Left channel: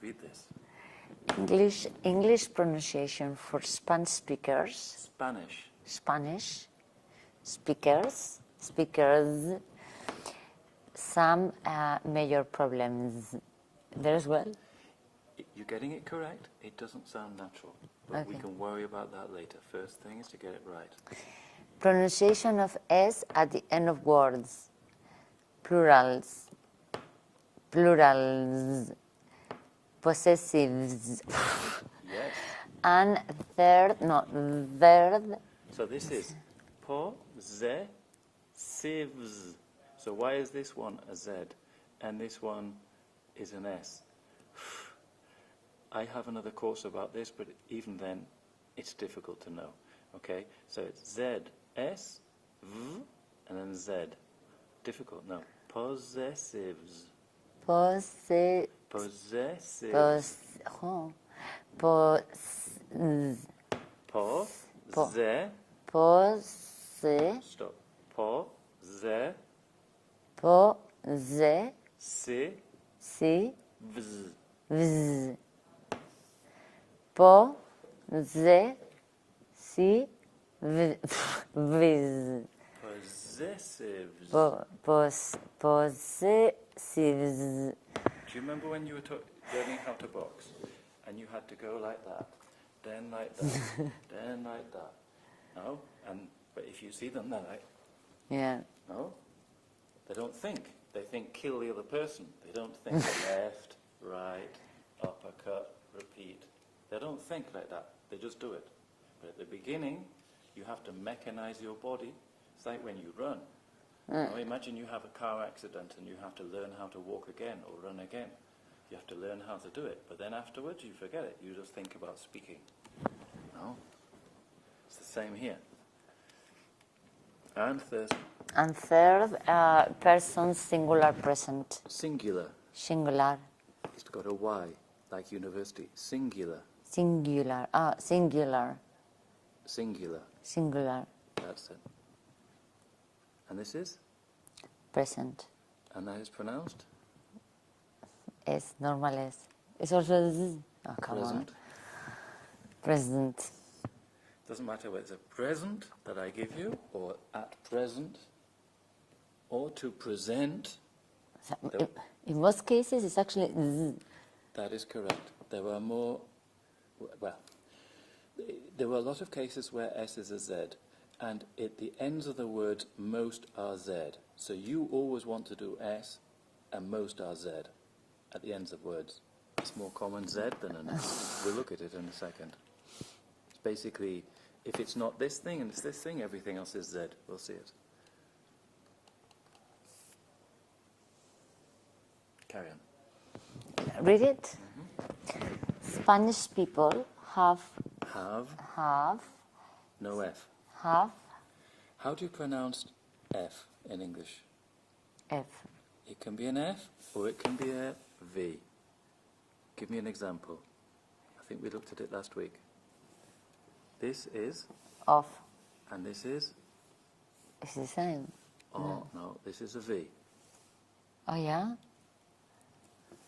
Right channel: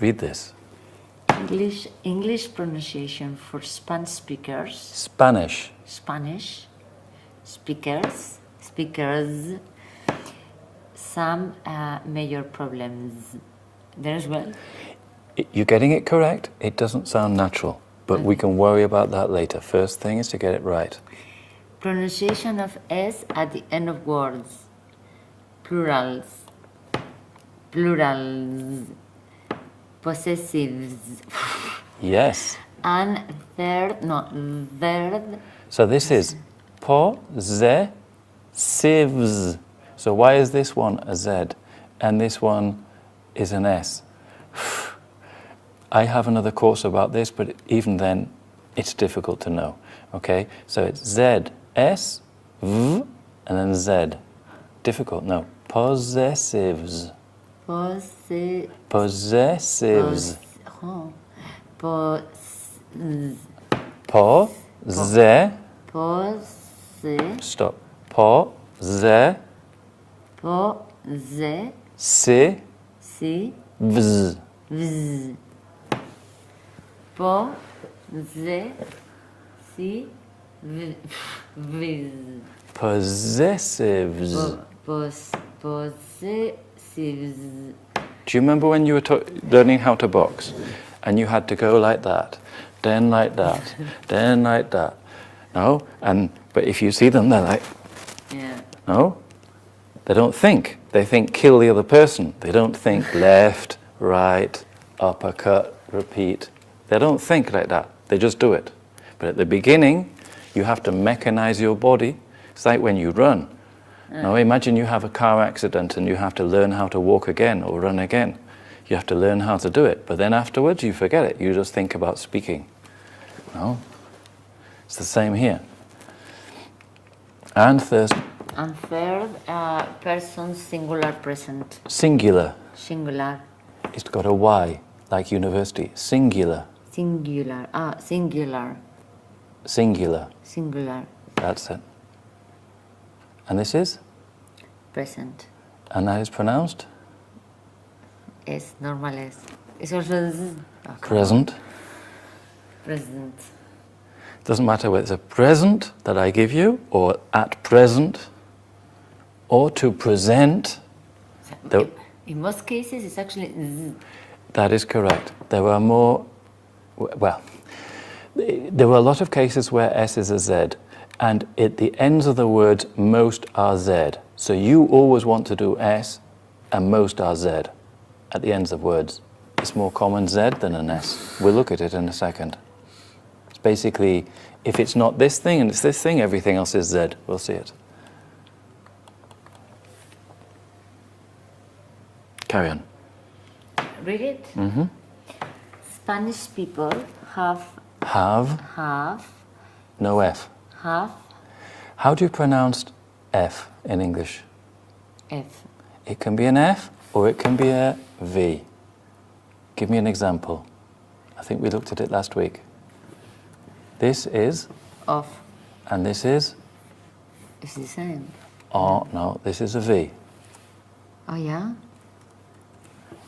Read this. English pronunciation for Spanish speakers. Spanish. Spanish speakers. Some major problems. There's one. You're getting it correct. It doesn't sound natural, but we can worry about that later. First thing is to get it right. Pronunciation of S at the end of words. Plurals. Possessives. Yes. And third. So this is possessives. So why is this one a Z and this one is an S? I have another course about this, but even then, it's difficult to know. Okay, so it's Z, S, V, and then Z. Difficult, no. Possessives. Possessives. Stop. Possessives. Do you remember when you were learning how to box and you had to go like that, then like that, then like that? No? But if you see them, they're like, no? They don't think. They think kill the other person. They don't think left, right, uppercut, repeat. They don't think like that. They just do it. But at the beginning, you have to mechanize your body. It's like when you run. Now imagine you have a car accident and you have to learn how to walk again or run again. You have to learn how to do it. But then afterwards, you forget it. You just think about speaking. No? It's the same here. And third, person singular present. Singular. Singular. It's got a Y, like university. Singular. Singular. Singular. Singular. Singular. That's it. And this is? Present. And that is pronounced? Es normal es. Es also Present. Present. Doesn't matter whether it's a present that I give you, or at present, or to present. In most cases, it's actually z. That is correct. There are more, well, there were a lot of cases where S is a Z, and at the ends of the words, most are Z. So you always want to do S, and most are Z at the ends of words. It's more common Z than an S. We'll look at it in a second. It's basically, if it's not this thing and it's this thing, everything else is Z. We'll see it. Carry on. Read it. Mm-hmm. Spanish people have no F. Have. How do you pronounce F in English? F. It can be an F or it can be a V. Give me an example. I think we looked at it last week. This is? Off. And this is? It's the same. Oh, no, this is a V. Oh, yeah?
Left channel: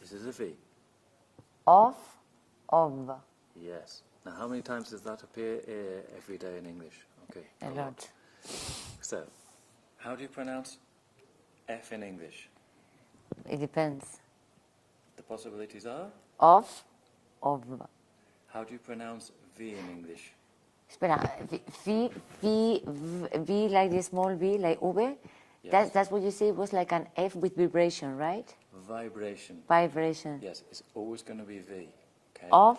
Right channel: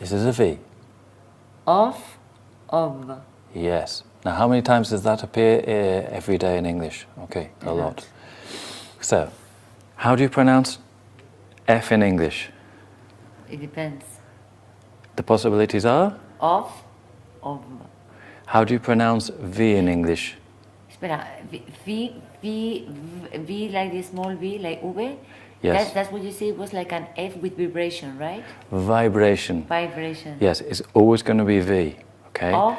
This is a V. Off, of. Yes. Now, how many times does that appear every day in English? Okay, a lot. So, how do you pronounce F in English? It depends. The possibilities are? Off, of. How do you pronounce V in English? Espera, V like the small V, like V? Yes. That's what you say was like an F with vibration, right? Vibration. Vibration. Yes, it's always going to be V, okay? Off,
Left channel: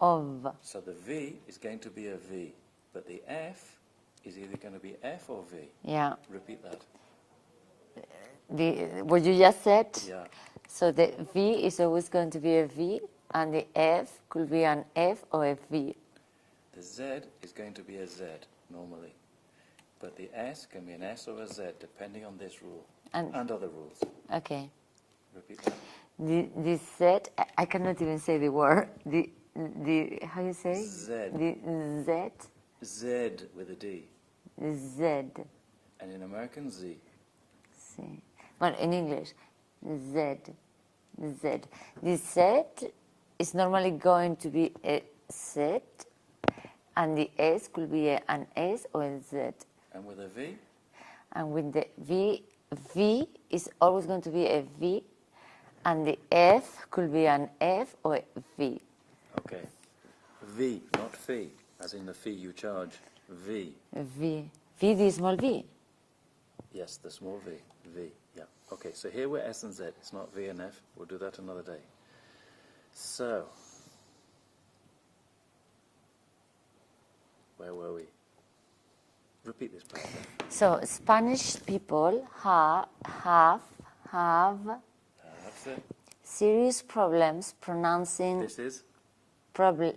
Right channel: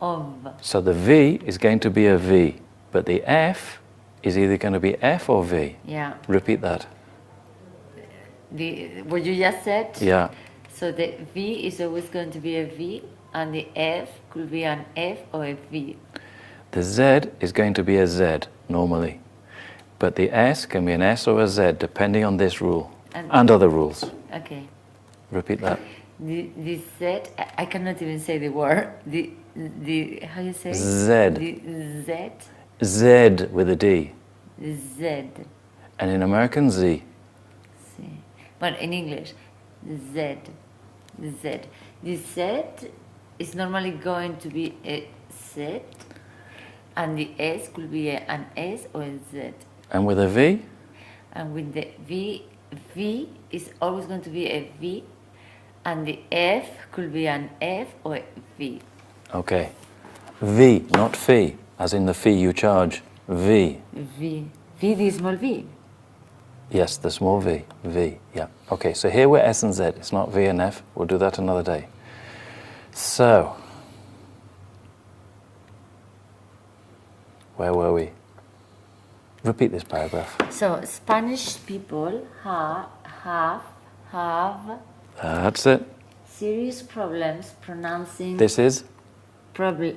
of. So the V is going to be a V, but the F is either going to be F or V. Yeah. Repeat that. What you just said? Yeah. So the V is always going to be a V, and the F could be an F or a V. The Z is going to be a Z, normally. But the S can be an S or a Z, depending on this rule, and other rules. Okay. Repeat that. The Z, I cannot even say the word. How you say? Z. The Z. Z with a D. Z. And in American, Z. But in English, Z. Z. The Z is normally going to be a Z, and the S could be an S or a Z. And with a V? And with the V is always going to be a V, and the F could be an F or a V. Okay. V, not fee, as in the fee you charge. V. V, the small V. Yes, the small V. V, yeah. Okay, so here we're S and Z. It's not V and F. We'll do that another day. So, where were we? Repeat this paragraph. So Spanish people have That's it. serious problems pronouncing This is? problems.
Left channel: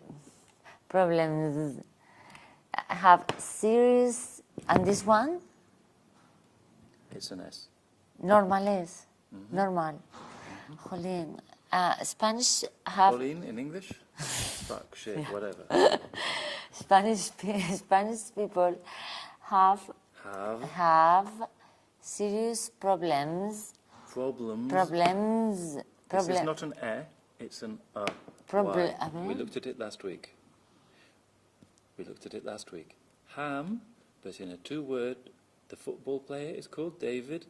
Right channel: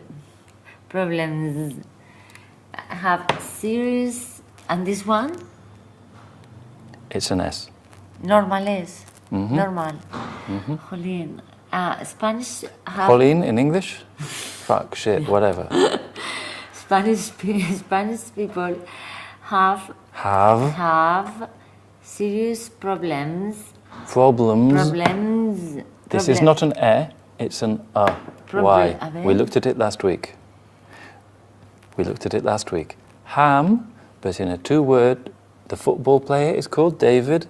Have serious, and this one It's an S. normal is normal. Jolín. Spanish have Pauline in English? Fuck, shit, whatever. Spanish people have serious problems. This is not an E, it's an A. Why? A ver. We looked at it last week. Ham, but in a two-word, the football player is called David.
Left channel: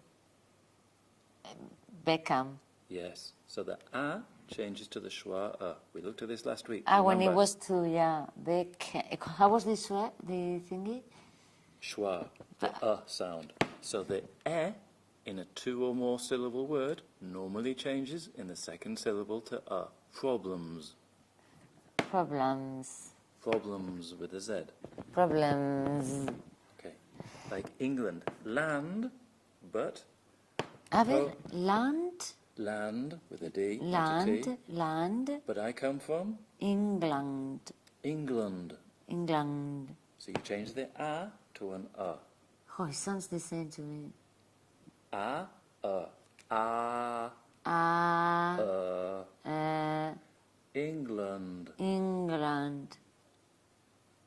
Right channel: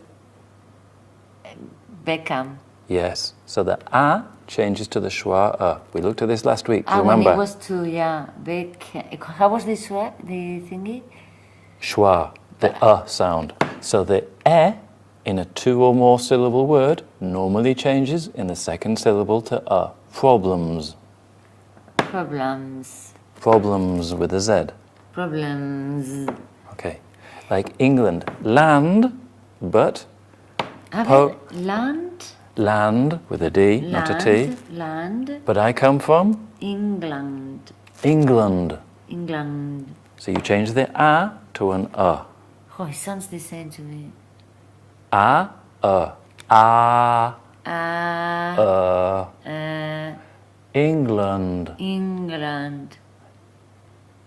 Beckham. Yes, so the A changes to the schwa A. We looked at this last week, When remember? it was two, yeah. Beckham. How was this word, the thingy? Schwa, the A sound. So the E in a two or more syllable word normally changes in the second syllable to A. Problems. Problems with a Z. Problems. Okay. Like England, land, but land with a D, not a T. Land. But I come from England. England. England. So you change the A to an A. Oh, it sounds the same to me. A, England. England.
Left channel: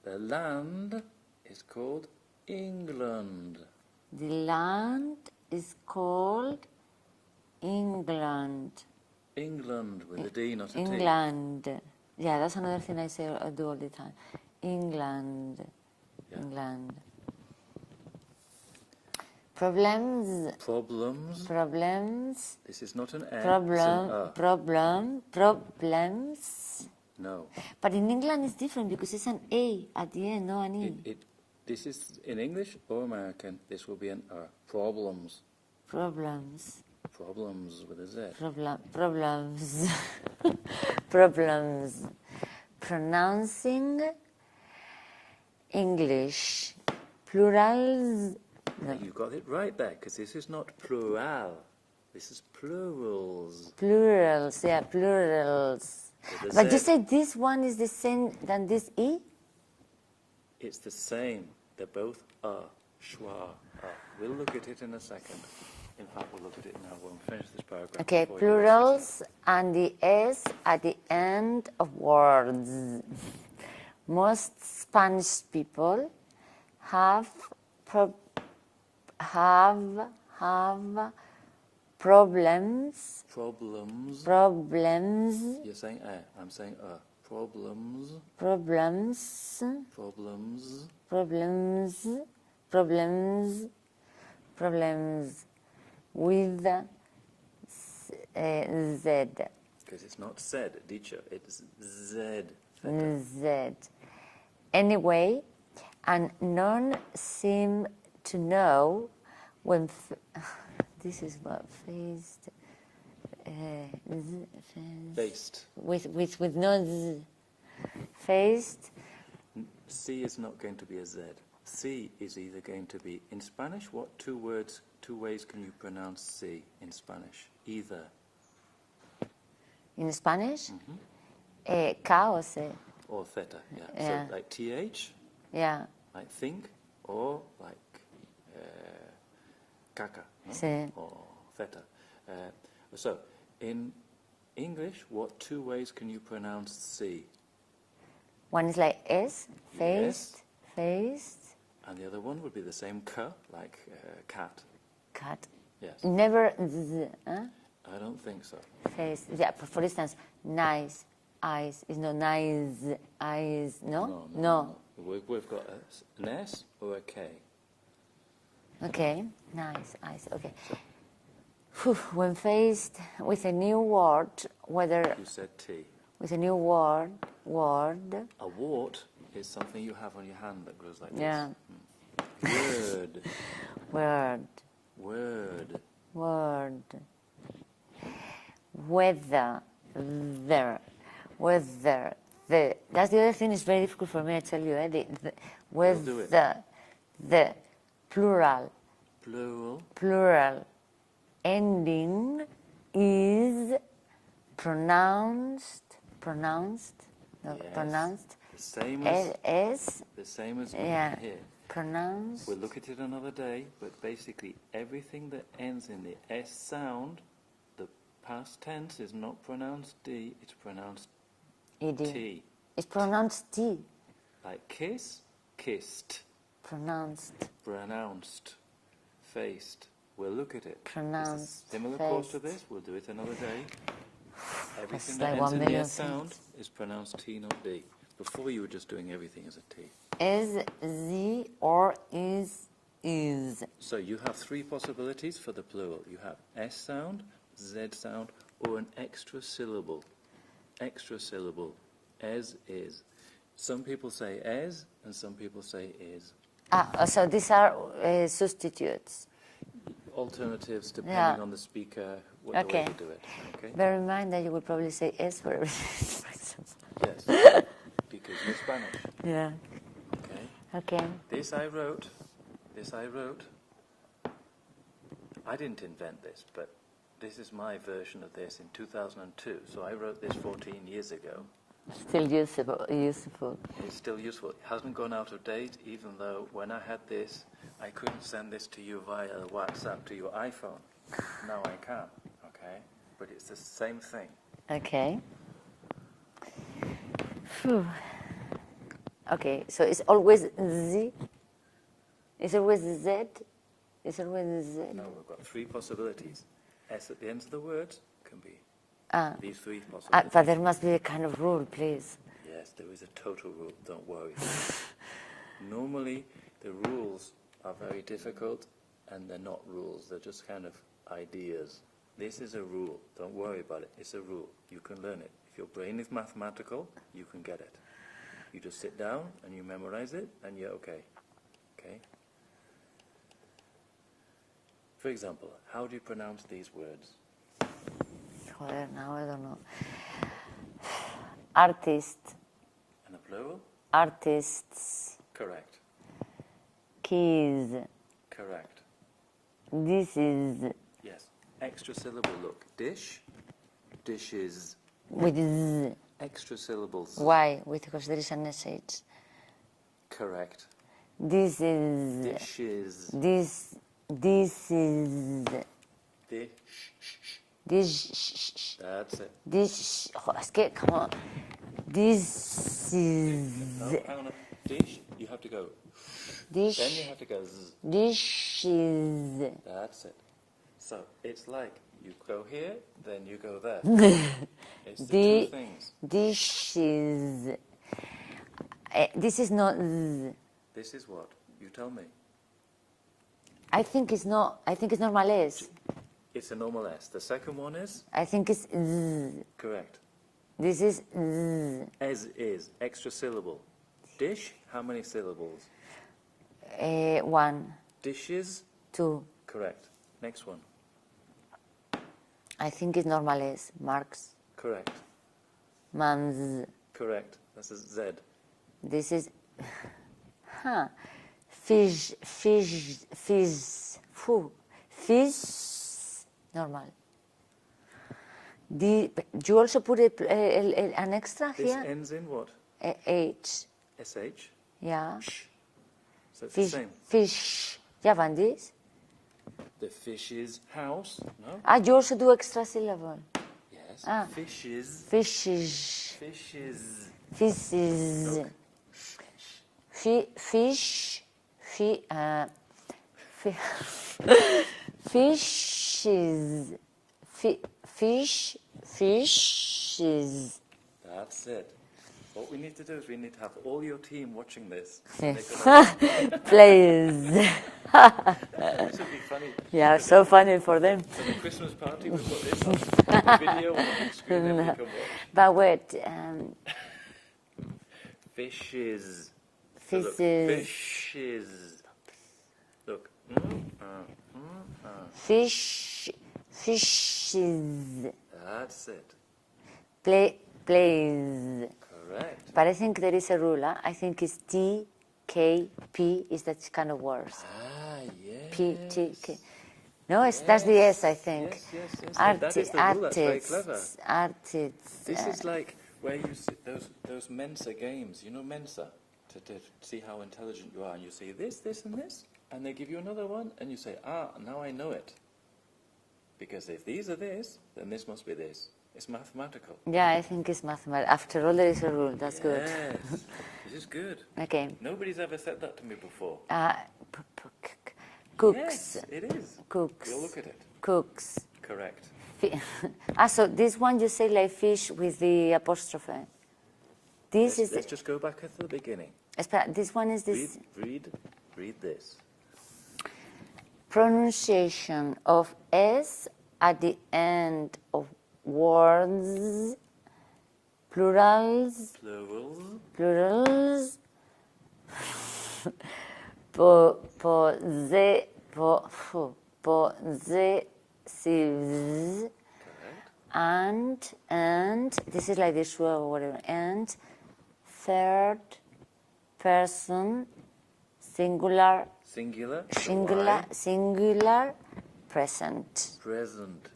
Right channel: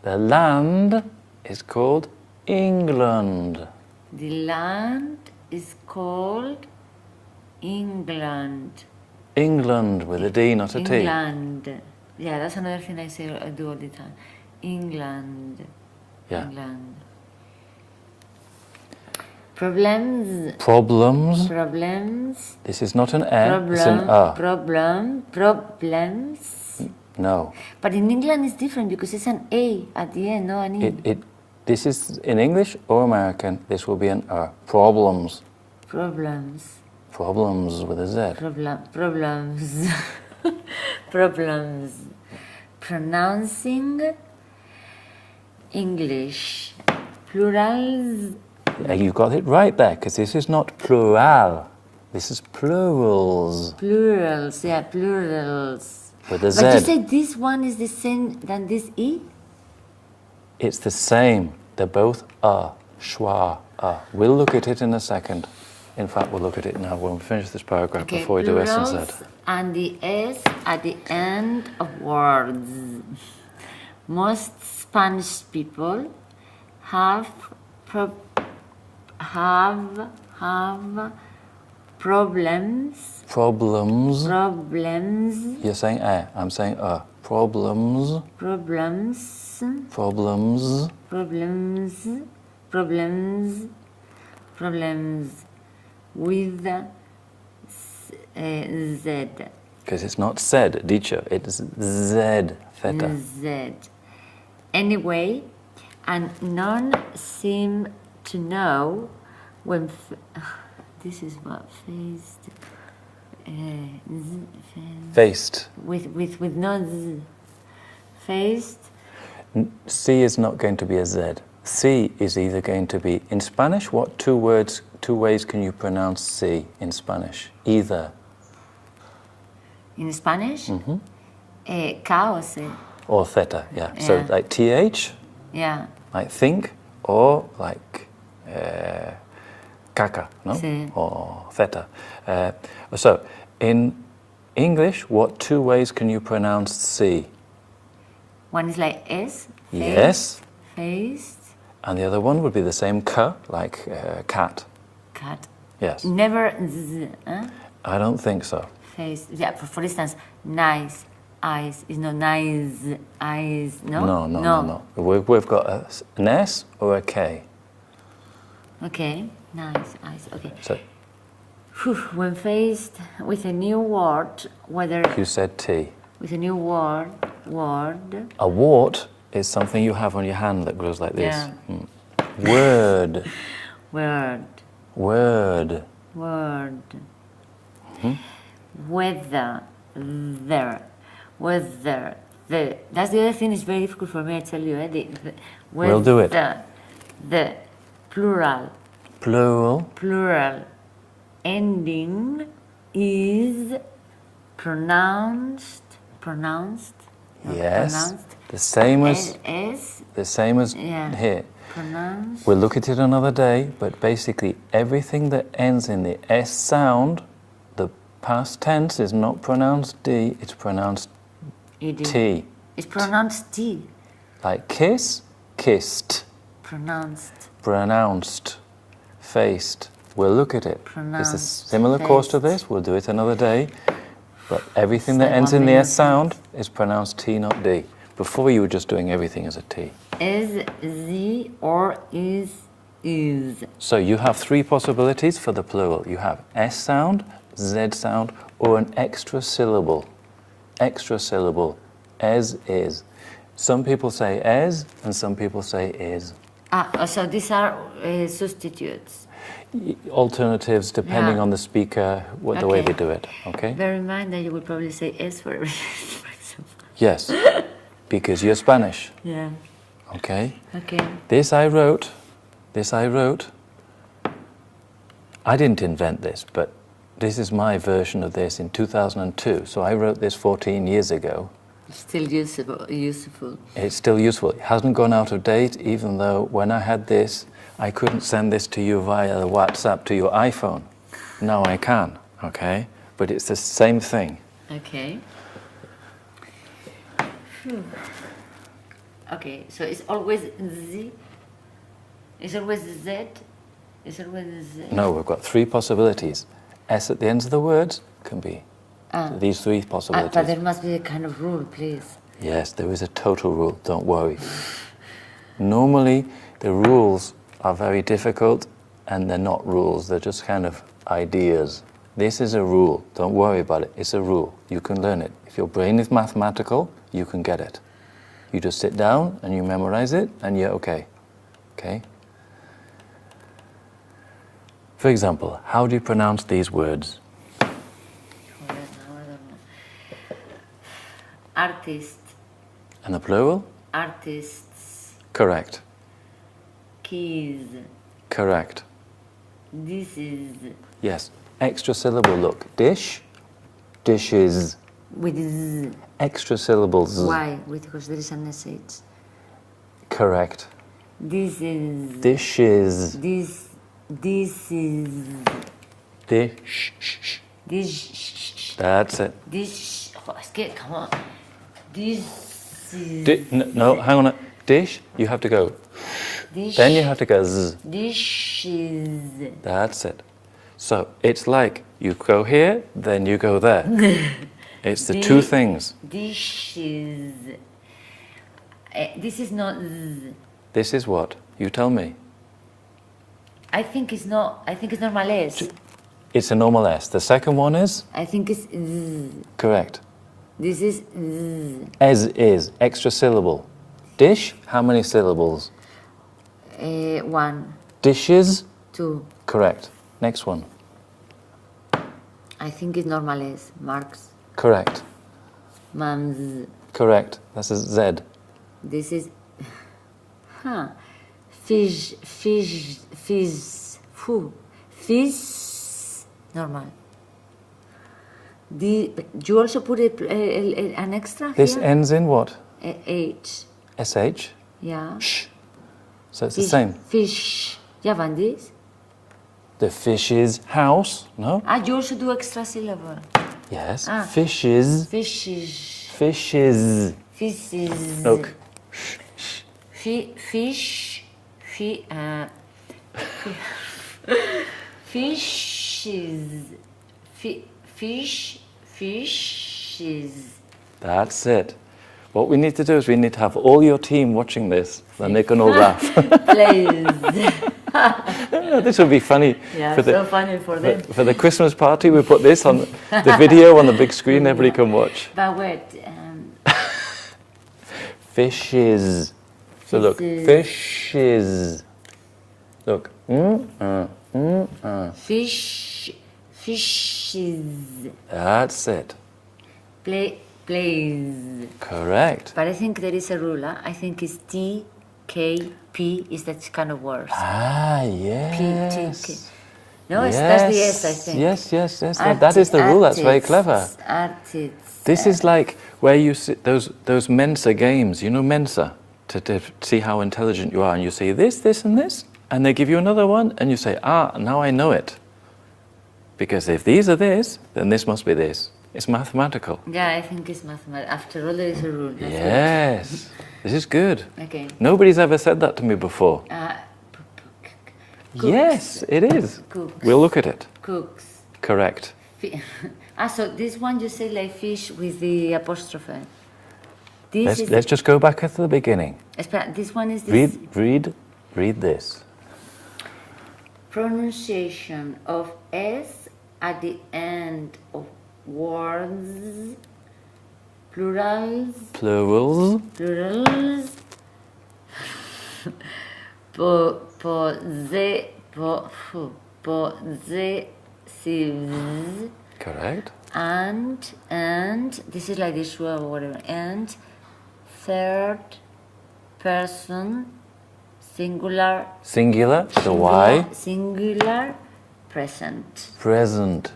The land is called England. The land is called England. England with a D, not a T. England. Yeah, that's another thing I do all the time. England. Yeah. England. Problems. This is not an E, it's an A. Problems. No. But in England it's different because it's an A at the end, no an E. This is in English or American, this will be an A. Problems with a Z. Problems. Pronouncing English. Plurals. You got it right there, because this is not plural. This is plurals. Plurals, yeah, plurals. With a Z. But you said this one is the same than this E? It's the same. They're both A. Schwa, A. We'll look at it in a second. In fact, we'll look at it now when we finish this paragraph before we do S and Z. Plurals and the S at the end of words. Most Spanish people have problems. Problems. You're saying A. I'm saying A. Problems. With Z. Because it's not said, dicho. It's Z, theta. Z. Anyway, and none seem to know when. This is what Faced. with no Z. Faced. C is not going to be a Z. C is either going to be, in Spanish, what two ways can you pronounce C in Spanish? Either. In Spanish? K or C? Or theta, yeah. So like TH, Yeah. like think, or like caca, no? Sí. Or theta. So in English, what two ways can you pronounce C? One is like S. Yes. Faced. And the other one would be the same K, like cat. Cat. Yes. Never Z. I don't think so. Faced. Yeah, for instance, nice. eyes. It's not nice, eyes, no? No. We've got an S or a K. Okay, nice, eyes, okay. So When faced with a new word, whether... you said T. With a new word... A wart is something you have on your hand that grows like this. Yeah. Word. Word. Word. Word. Whether. There. Whether. The. That's the other thing. It's very difficult for me. I tell you. We'll do it. The. Plural. Plural. Plural. Ending is pronounced. Yes. Pronounced. The same as. The same as Yeah. here. Pronounced. We'll look at it another day, but basically everything that ends in the S sound, the past tense is not pronounced D, it's pronounced ED. T. It's pronounced T. Like kiss, kissed. Pronounced. Faced. We'll look at it. It's a Pronounced, similar course to faced. this, we'll do it another day. But everything It's that like ends 1 in the minute. S sound is pronounced T, not D. Before you were just doing everything as a T. S Z or is. So you have 3 possibilities for the plural. You have S sound, Z sound, or an extra syllable. Extra syllable, as is. Some people say as, and some people say is. So these are substitutes. Alternatives depending Yeah. on the speaker, the way Okay. they do it. Okay? Bear in mind that you will probably say S for everything. Yes, because you're Spanish. Yeah. Okay? Okay. This I wrote. I didn't invent this, but this is my version of this in 2002. So I wrote this 14 years ago. Still useful. It's still useful. It hasn't gone out of date, even though when I had this, I couldn't send this to you via the WhatsApp to your iPhone. Now I can, okay? But it's the same thing. Okay. Phew. Okay, so it's always Z? It's always Z? It's always Z? No, we've got 3 possibilities. S at the ends of the words can be these 3 possibilities. But there must be a kind of rule, please. Yes, there is a total rule, don't worry. Normally, the rules are very difficult and they're not rules, they're just kind of ideas. This is a rule, don't worry about it, it's a rule. You can learn it. If your brain is mathematical, you can get it. You just sit down and you memorize it and you're okay. Okay? For example, how do you pronounce these words? Now I don't know. Artist. And the plural? Artists. Correct. Keys. Correct. This is. Yes. Extra syllable, look. Dish, dishes. With Z. Extra syllables. Why? Because there is an SH. Correct. This is. Dishes. This is. Dish. This. That's it. This. Oh, es que, come on. This is. No, hang on. Dish, you have to go. This. Then you have to go z. This is. That's it. So it's like you go here, then you go there. It's the 2 things. This is. This is not Z. This is what? You tell me. I think it's not. I think it's normal S. It's a normal S. The second one is? I think it's Z. Correct. This is Z. As is, extra syllable. Dish, how many syllables? 1, Dishes, 2. correct. Next one. I think it's normal S. Marks. Correct. Mams. Correct. That's a Z. This is. Fish. Foo. Fish. Normal. You also put an extra This here? ends in what? H. SH. Yeah. Sh. So it's the same. Fish. Yeah, van this. The fish's house, no? You also do extra syllable. Yes. Ah. Fishes. Fishes. Fishes. Fishes. Look. Fish. Fishes. Fish. Fishes. That's it. What we need to do is we need to have all your team watching this, and they can all laugh. Please. Yeah, this would be funny. Yeah, for so funny for them. For the Christmas party, we put this on the video on the big screen. Everybody can watch. But wait. Fishes. So look, fishes. Look. Fish. Fishes. That's it. Plays. Correct. But I think there is a rule. I think it's T, K, P is that kind of words. Ah, P, yes. T, K. No, that's the S, I think. Yes. That is the rule. That's very clever. Artists. This is like where you sit, those Mensa games. You know Mensa? To see how intelligent you are. And you say this, and this. And they give you another one. And you say, now I know it. Because if these are this, then this must be this. It's mathematical. Yeah, I think it's mathematical. After all, there is a rule. That's yes. This is good. Okay. Nobody's ever said that to me before. Cooks. Yes, it is. Cooks. We'll look at it. Cooks. Correct. So this one you say like fish with the apostrophe. Let's just go back at the beginning. This one is this. Read this. Pronunciation of S at the end of words, plurals, possessives, correct, and this is like this word or whatever, and third person singular, the Y, singular present. Present.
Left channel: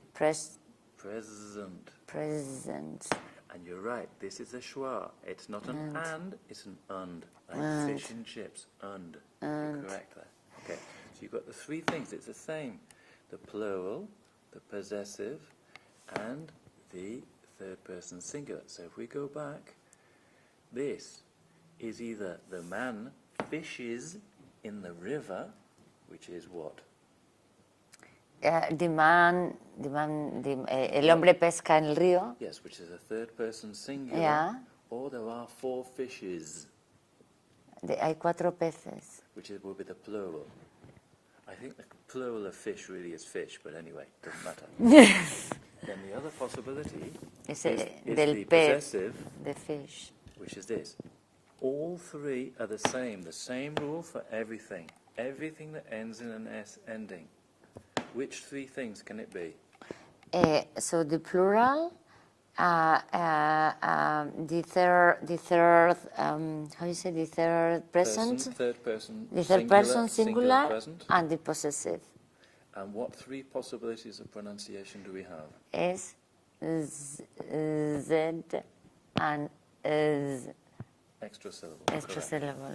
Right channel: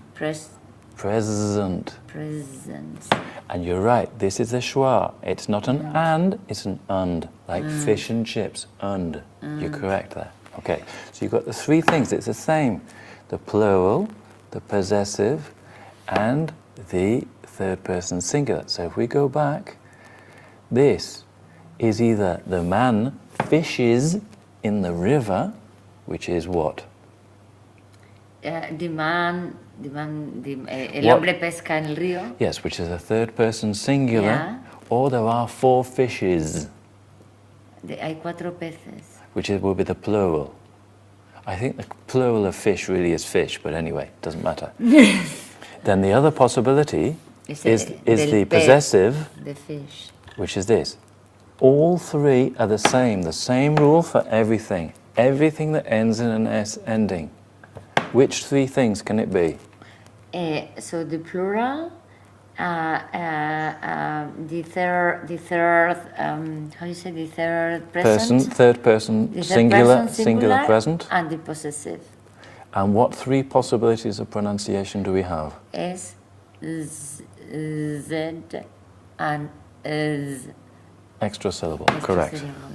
And you're right, this is a schwa. It's not an and, it's an und, like fish and chips, und. You're correct there. Okay, so you've got the three things, it's the same. The plural, the possessive, and the third person singular. So if we go back, this is either the man fishes in the river, which is what? El hombre pesca en el río. Yes, which is a third person singular. Yeah. Or there are 4 fishes. Hay 4 peces. Which will be the plural. I think the plural of fish really is fish, but anyway, it doesn't matter. Then the other possibility is the possessive, the fish, which is this. All 3 are the same rule for everything. Everything that ends in an S ending. Which 3 things can it be? So the plural, the third, how you say the third present? Third person, singular present. And the possessive. And what 3 possibilities of pronunciation do we have? S, Z, and Z. Extra syllable, correct. Syllable.